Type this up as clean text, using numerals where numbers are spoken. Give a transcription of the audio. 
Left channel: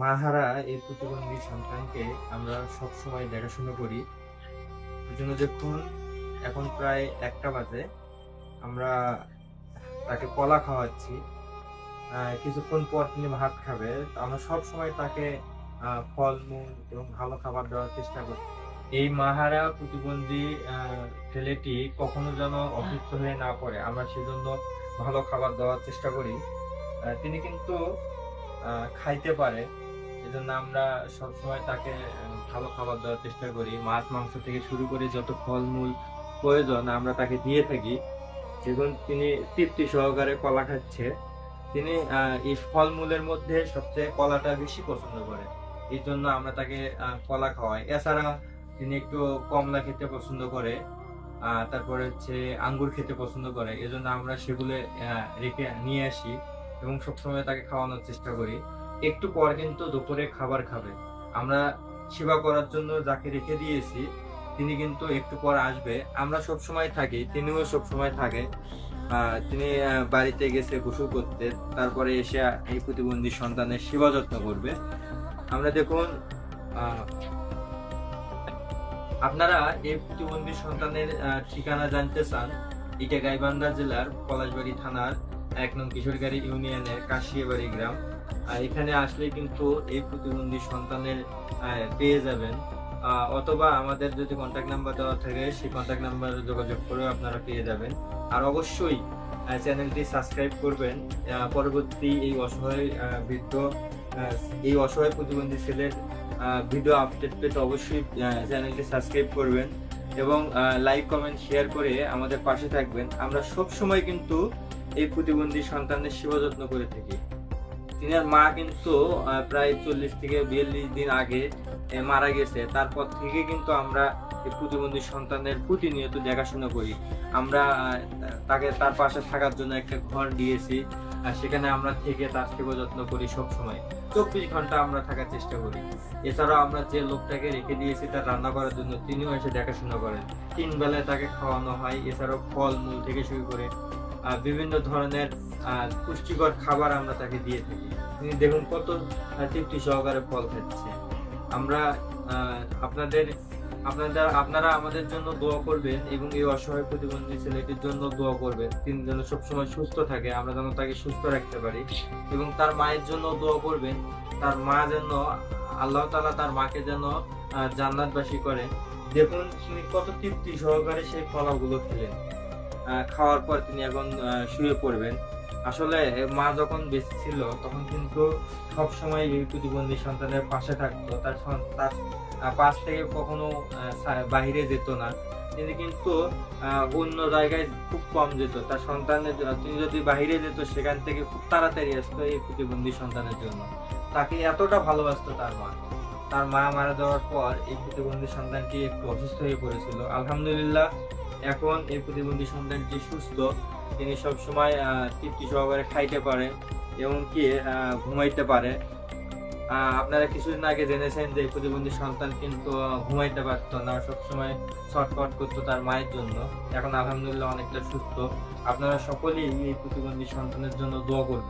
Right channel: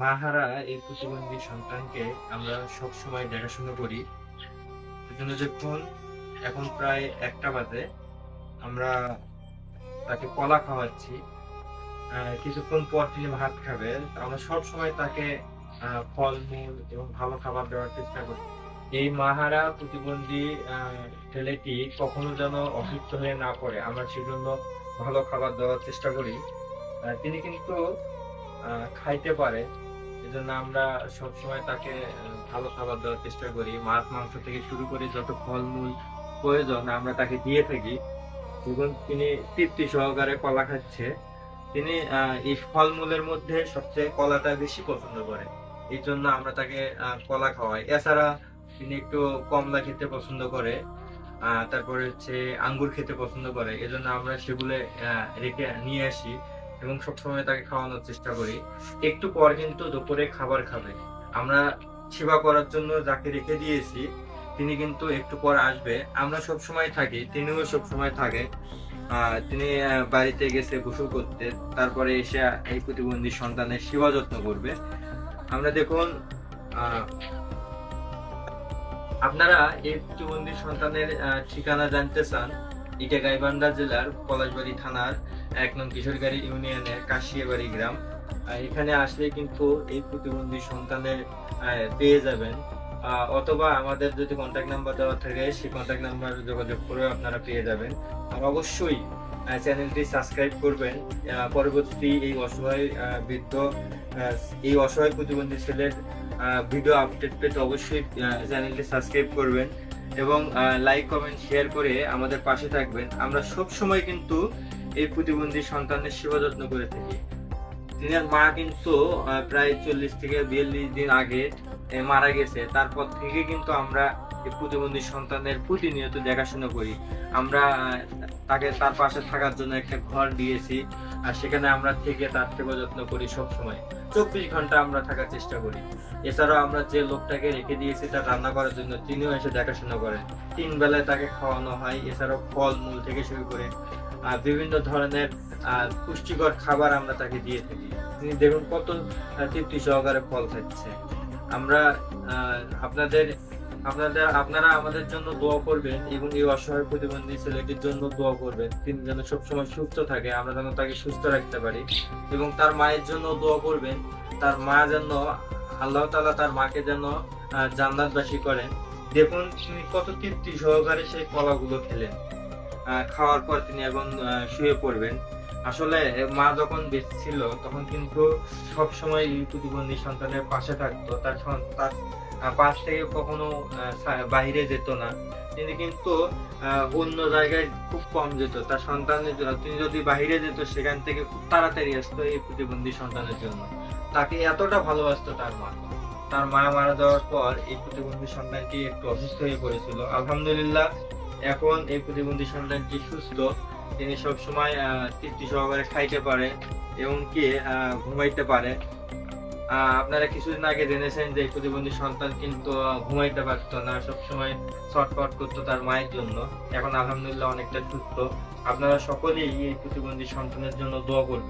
মাহারা এই প্রতিবন্ধী সন্তানকে আমরা সবসময় দেখাশোনা করি। এজন্য দেখুন, এখন প্রায় ১টা বাজে। আমরা তাকে কলা খাওয়াচ্ছি। কিছুক্ষণ পর তিনি ভাত খাবে। আমরা সবসময় তাকে ফলমূল এবং ভালো খাবার দেওয়ার চেষ্টা করি। এই মাহারা প্রতিবন্ধী আ ছেলেটি কখনো যেন অসুস্থ হয়ে না পড়ে, আমরা সেজন্য ভালো খাবার দেওয়ার চেষ্টা করি। তিনি কিন্তু আ খাইতে পারে। এজন্য আমরা সবসময় তাকে ভালো খাবার দেওয়ার চেষ্টা করি। মাছ, মাংস থেকে শুরু করে যত ফলমূল প্রয়োজন আমরা তাকে দিয়ে থাকি। এবং তিনি তৃপ্তি সহকারে কলা খাচ্ছে। তিনি এই ফলমূলের মধ্যে সবচেয়ে কলাটা বেশি পছন্দ করে। এইজন্য আমরা তাকে কলা খাওয়াই। এছাড়া তিনি একটু কমলা খেতে পছন্দ করে। তারপরে হচ্ছে আঙ্গুর খেতে পছন্দ করে। এজন্য আমরা সেগুলো রেখে নিয়ে আসি এবং সবসময় তাকে খাওয়ানোর চেষ্টা করি। একটু পর কিন্তু দুপুরে খাবার খাবে। আমরা সেবা করার জন্য যাকে রেখে দিয়েছি, তিনি কিন্তু একটু পর আসবে। আমরা সবসময় থাকি, তিনিও সবসময় থাকে। তিনি বাড়িতে গেছে গোসল করতে। তারপরে এসে এই প্রতিবন্ধী সন্তানের সেবা যত্ন করবে। আমরা দেখুন, আ আপনারা এই প্রতিবন্ধী সন্তানের ঠিকানা জানতে চান, এটা গাইবান্ধা জেলার পলাশবাড়ী থানার ১ নং কিশোরগাড়ি ইউনিয়নের কাশিয়াবাড়ি গ্রাম। এখানে আসলে কিন্তু এই প্রতিবন্ধী সন্তানের পেয়ে যাবেন। অথবা আমাদের যদি কন্টাক্ট নাম্বার দেওয়া থাকে, সেই কন্টাক্ট নাম্বারে যোগাযোগ করেও আপনারা পেয়ে যাবেন। আর অবশ্যই চ্যানেলটি সাবস্ক্রাইব করবেন। পরবর্তী এই অসহায় প্রতিবন্ধী ছেলের ভিডিও আপডেট পেতে অবশ্যই চ্যানেলটি সাবস্ক্রাইব করবেন এবং লাইক, কমেন্ট, শেয়ার করে আমাদের পাশে থাকবেন। আমরা সব সময় কিন্তু এই প্রতিবন্ধী সন্তানের সেবা যত্ন করে থাকি। তিনার মা কিন্তু প্রায় ৪০ থেকে ৪২ দিন আগে মারা গেছে। তারপর থেকে কিন্তু আমরা এই প্রতিবন্ধী সন্তানের প্রতিনিয়ত দেখাশোনা করি। আমরা তার পাশে থাকার জন্য একটা ঘর দিয়েছি। আর সেখানে আমরা থেকে তার সেবা যত্ন করি সবসময়। ২৪ ঘন্টা আমরা থাকার চেষ্টা করি। এছাড়াও আমরা যে লোকটাকে রেখে দিয়েছি তার রান্না করার জন্য, তিনিও এসে দেখাশোনা করেন। ৩ বেলায় তাকে খাওয়ানো হয়। এছাড়াও ফল-মূল থেকে শুরু করে বিভিন্ন ধরনের পুষ্টিকর খাবার আমরা তাকে দিয়ে থাকি। তিনি দেখুন কত তৃপ্তি সহকারে ফল খাচ্ছে। আমরা আপনারা আমাদের জন্য দোয়া করবেন এবং এই অসহায় প্রতিবন্ধী ছেলেটির জন্য দোয়া করবেন। তিনি যেন সবসময় সুস্থ থাকে, আমরা যেন তাকে সুস্থ রাখতে পারি এবং তার মায়ের জন্য দোয়া করবেন। তার মা যেন আল্লাহ তাআলা তার মাকে যেন জান্নাতবাসী করেন। দেখুন তিনি কত তৃপ্তি সহকারে সেই কলাগুলো খেলেন। খাওয়ার পর তিনি এখন শুয়ে পড়বেন। আসলে মা যখন বেঁচে ছিল তখন কিন্তু সবসময় এই প্রতিবন্ধী সন্তানের পাশে থাকতো। তার পাশ থেকে কখনো বাহিরে যেত না। তিনি কিন্তু অন্য জায়গায় খুব কম যেত। তার সন্তানের জন্য তিনি যদি বাহিরে যেত, সেখান থেকে খুব তাড়াতাড়ি আসতো এই প্রতিবন্ধী সন্তানের জন্য। তাকে এতটা ভালোবাসতো তার মা। তার মা মারা যাওয়ার পর এই প্রতিবন্ধী সন্তানটি একটু অসুস্থ হয়ে পড়েছিল। আলহামদুলিল্লাহ এখন এই প্রতিবন্ধী সন্তানটি সুস্থ। তিনি সবসময় তৃপ্তি সহকারে খাইতে পারে, এমনকি ঘুমাইতে পারে। আপনারা কিছুদিন আগে জেনেছেন যে এই প্রতিবন্ধী সন্তান কিন্তু ঘুমাইতে পারতো না, সবসময় ছটফট করতো তার মায়ের জন্য। এখন আলহামদুলিল্লাহ অনেকটা সুস্থ। আপনারা সকলেই এই প্রতিবন্ধী সন্তানের জন্য দোয়া করবেন।